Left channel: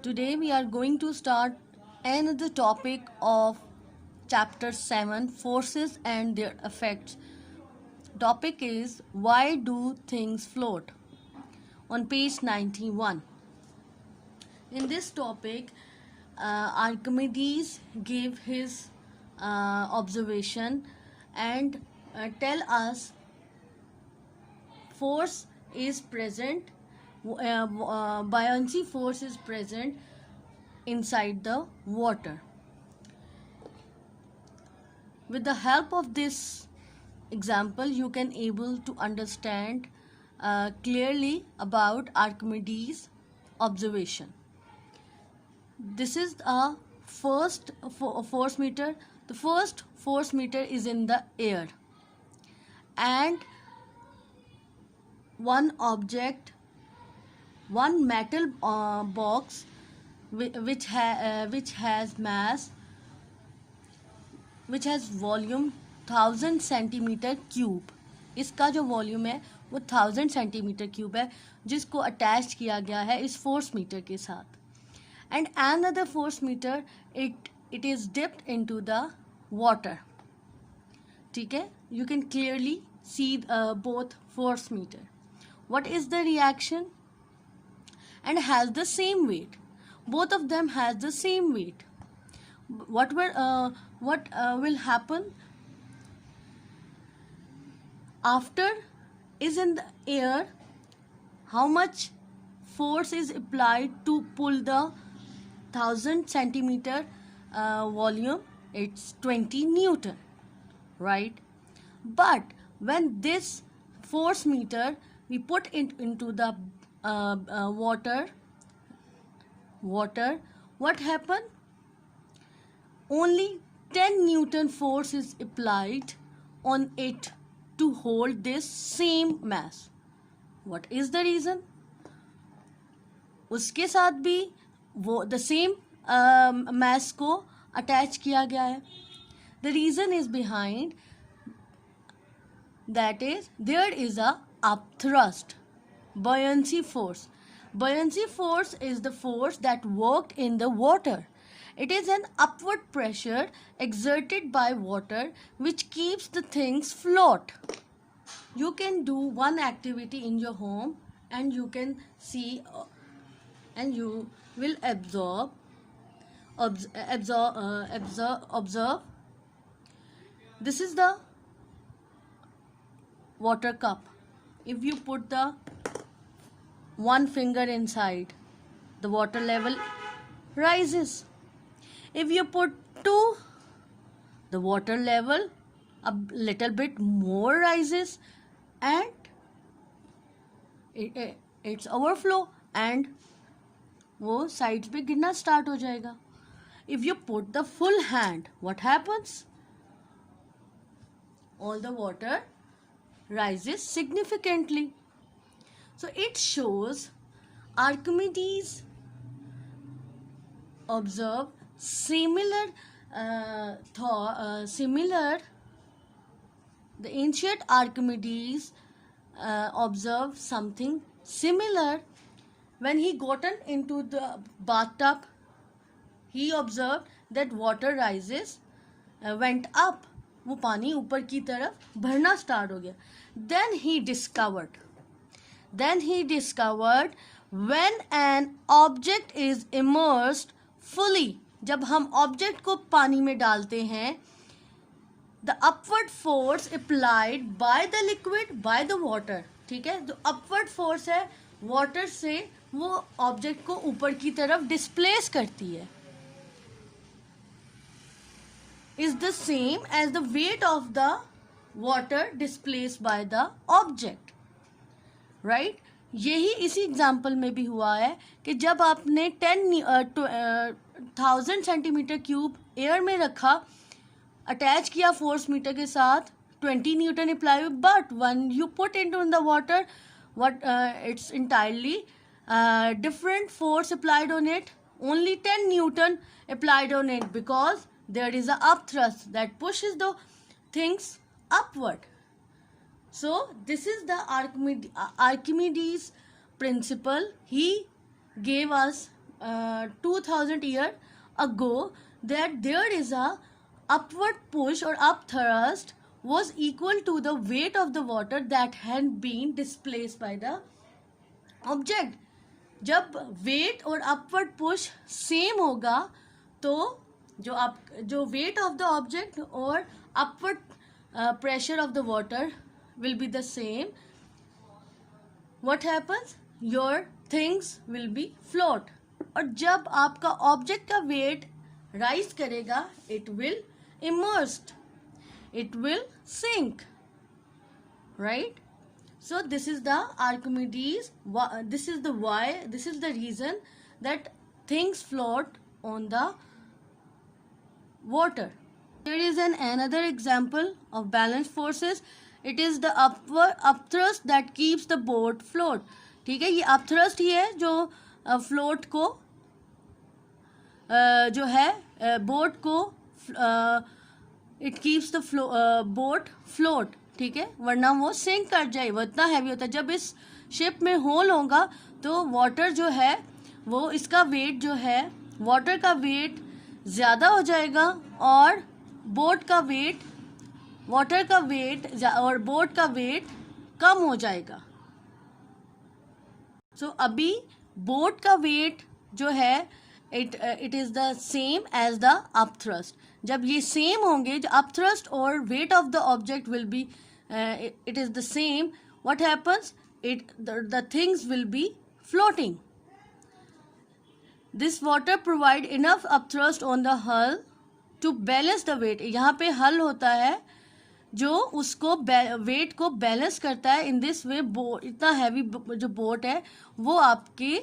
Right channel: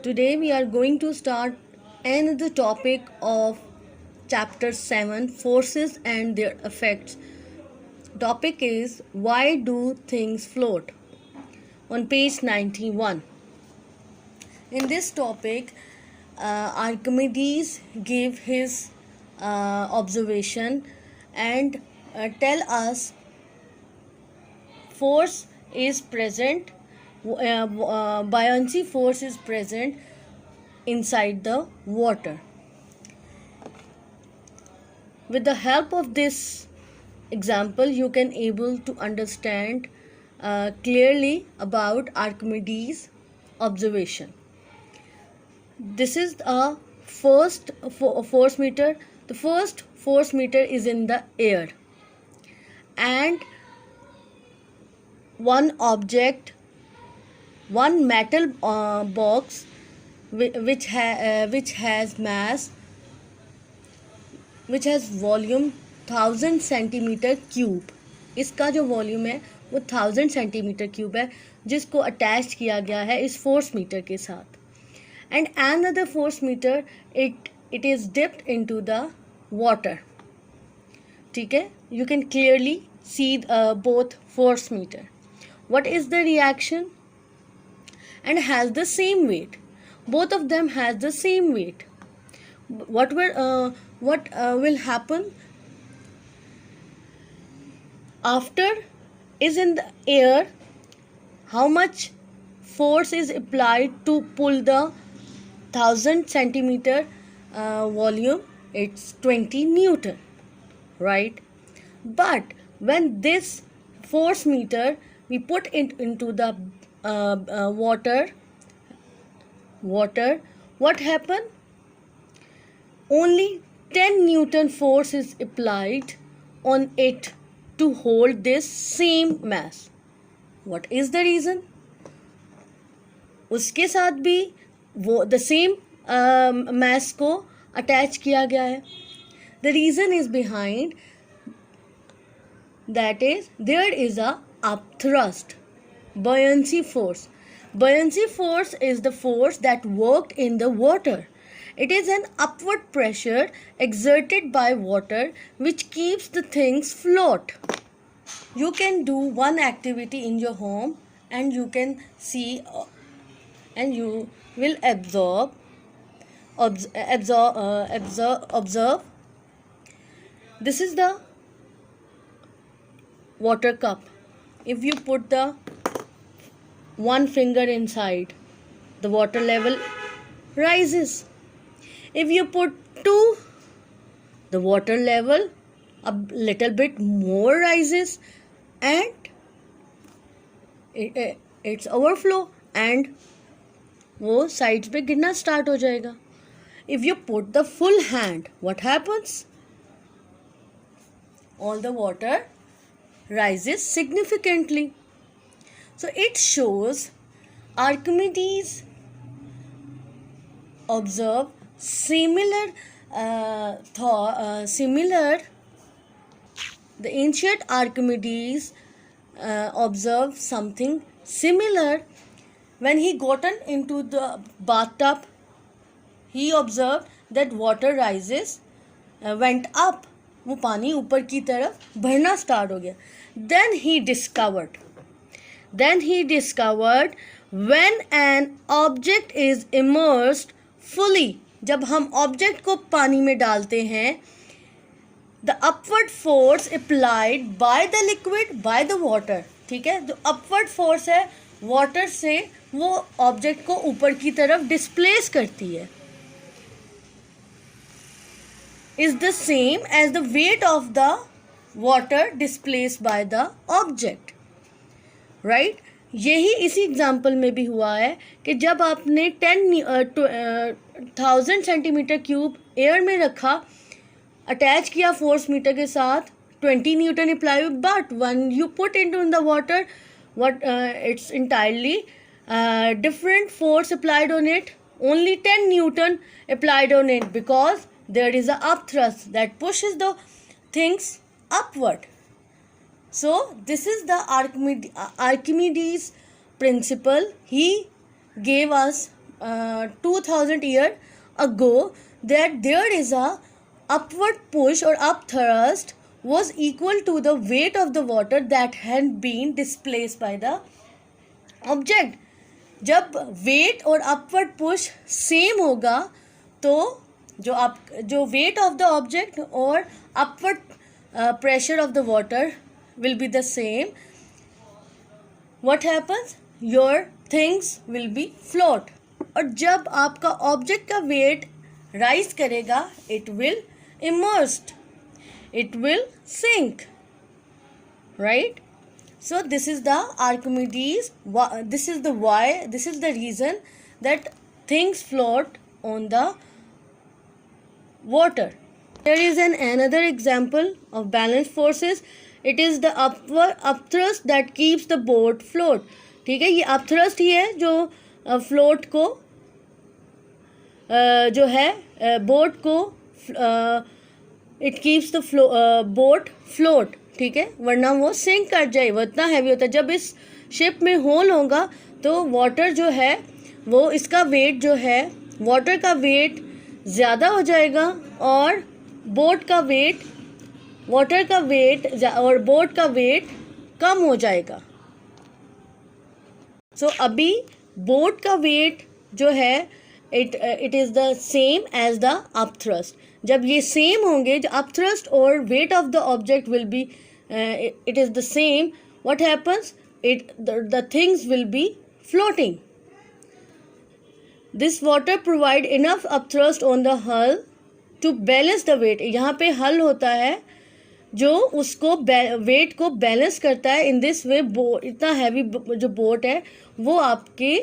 Today we are going to start another topic of chapter 7, forces and their effects. Topic is why do things float? On page 91. In this topic, Archimedes gave his observation and tell us force is present, buoyancy force is present inside the water. With the help of this example, you can able to understand clearly about Archimedes' observation. This is a first force meter. The first force meter is in the air, and one object, one metal box which has mass, which has volume 1000 centimetre cube. इसका जो volume है वो 1000 centimetre cube है, जिसको attach किया गया है इस फोर्स मीटर के साथ. And another force meter, it is dipped into the water. ठीक है, you can clearly see both force meter. What is the reaction? And has the same weight. Both of them has the same weight. What will happen after is in the air? How much force is applied to pull the 1000 centimeter volume? It's 20 Newton, right? But when this force meter we put it into the water, what happened? Only 10 Newton force is applied on it to hold this same mass. What is the reason? उसके साथ भी वो the same mass को attach किया गया है. The reason is behind that is there is a upthrust, buoyancy force. Buoyancy force is the force that worked in the water. It is an upward pressure exerted by water which keeps the things float. You can do one activity in your home and you can see and you will observe. This is the water cup. If you put the one finger inside, the water level rises. If you put two, the water level a little bit more rises and it's overflow and वो sides पे गिरना start हो जाएगा. If you put the full hand, what happens? All the water rises significantly. So it shows Archimedes observed similar. The ancient Archimedes observed something similar when he gotten into the bathtub. He observed that water rises, went up. वो पानी ऊपर की तरफ भरना start हो गया. Then he discovered when an object is immersed fully, जब हम ऑब्जेक्ट को पानी में डालते हैं, the upward force applied by the liquid by the water. ठीक है, जो upward force है वाटर से वो ऑब्जेक्ट को ऊपर की तरफ डिस्प्लेस करती है, is the same as the weight of the water displaced by the object, right? यही इसी एग्जाम्पल में भी हुआ है कि जब आपने 10,000 सेंटीमीटर क्यूब एयर में रखा, अटैच किया फोर्स मीटर के साथ, 20 Newton apply, but when you put into in the water, it's entirely different force applied on it. Only 10 Newton applied on it because there is a upthrust that pushes the things upward. So this is the Archimedes principle. He gave us 2000 years ago, that there is a upward push or up thrust was equal to the weight of the water that had been displaced by the object. जब wait और upward push same होगा तो जो wait of the object और upward pressure of the water will be the same. What happens? Your things will be float. और जब आपका object का वेट राइज करेगा, it will immersed, it will sink, right? So this is the Archimedes, this is the why, this is the reason that things float on the water. There is another example of balance forces. It is the upthrust that keeps the boat float. ठीक है, ये upthrust ही है जो float को जो है boat को it keeps the boat float. ठीक है, वरना वो सिंक कर जाए, वो इतना हैवी होता है. जब इस शिप में होल होगा तो वाटर जो है वो इसका वेट जो है वाटर का वेट ज़्यादा हो जाएगा और बोट का वेट वाटर का वेट और बोट का वेट कम हो जाएगा. सो अभी बोट का वेट जो है it is the same as the upthrust. जब ये सेम होंगे, जो अपथ्रस्ट और weight of the object will be it is the same, what happens? The things will be floating. This water provide enough upthrust on the hull to balance the weight. यहाँ पे हल होता है जो उसको वेट को balance करता है. इन दिस वे इतना हैवी जो बोट है वो आपके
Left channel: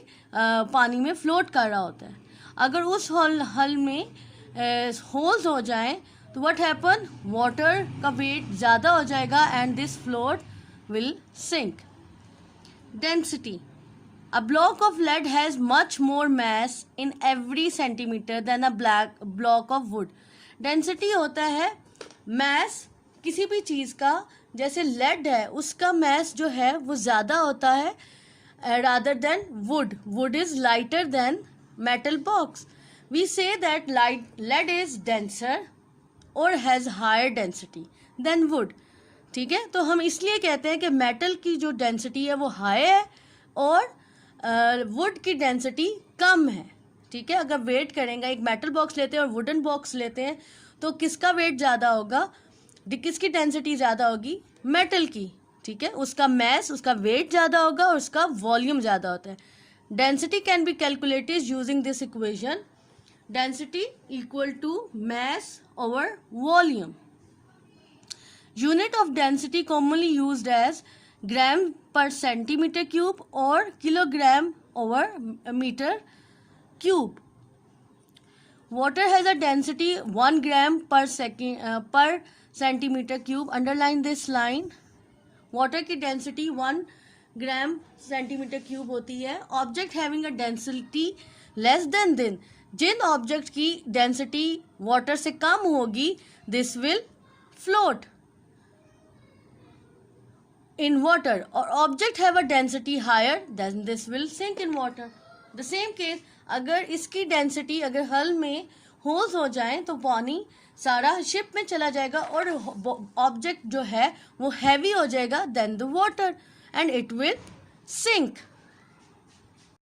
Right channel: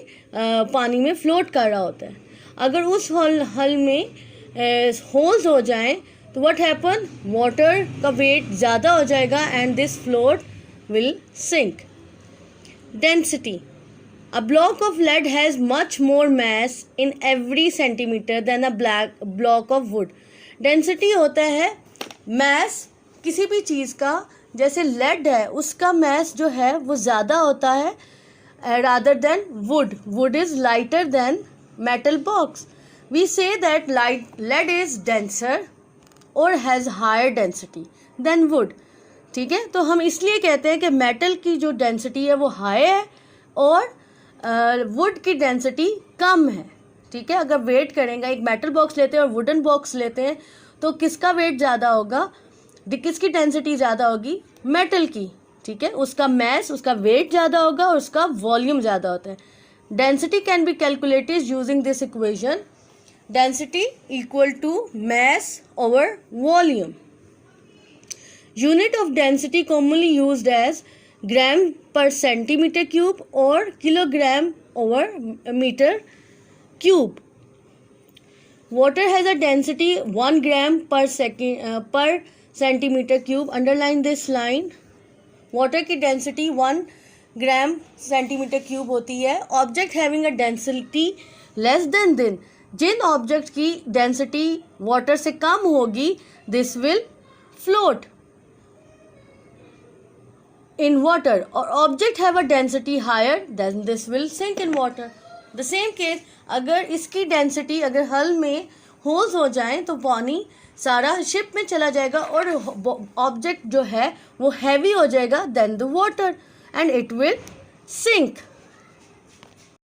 पानी में फ्लोट कर रहा होता है. अगर उस हल में होल्स हो जाएं तो व्हाट हैपन, वाटर का वेट ज़्यादा हो जाएगा and this float will sink. Density. A block of lead has much more mass in every centimeter than a block of wood. Density होता है mass किसी भी चीज़ का. जैसे lead है उसका mass जो है वो ज़्यादा होता है rather than wood. Wood is lighter than metal box. We say that lead is denser or has higher density than wood. ठीक है, तो हम इसलिए कहते हैं कि मेटल की जो डेंसिटी है वो हाई है और वुड की डेंसिटी कम है. ठीक है, अगर वेट करेंगे, एक मेटल बॉक्स लेते हैं और वुडन बॉक्स लेते हैं तो किसका वेट ज़्यादा होगा, किसकी डेंसिटी ज़्यादा होगी? मेटल की. ठीक है, उसका मैस, उसका वेट ज़्यादा होगा और उसका वॉल्यूम ज़्यादा होता है. Density can be calculated using this equation. Density equal to mass over volume. Unit of density commonly used as gram per centimeter cube or kilogram over meter cube. Water has a density 1 gram per centimeter cube. Underline this line. Water की density 1 gram centimeter cube होती है. Object having a density less than this, जिन object की density water से कम होगी, this will float in water. और object have a density higher than this will sink in water. The same case, अगर इसकी डेंसिटी अगर हल में होल्स हो जाएं तो पानी सारा शिप में चला जाएगा और ऑब्जेक्ट जो है वो हैवी हो जाएगा than the water and it will sink.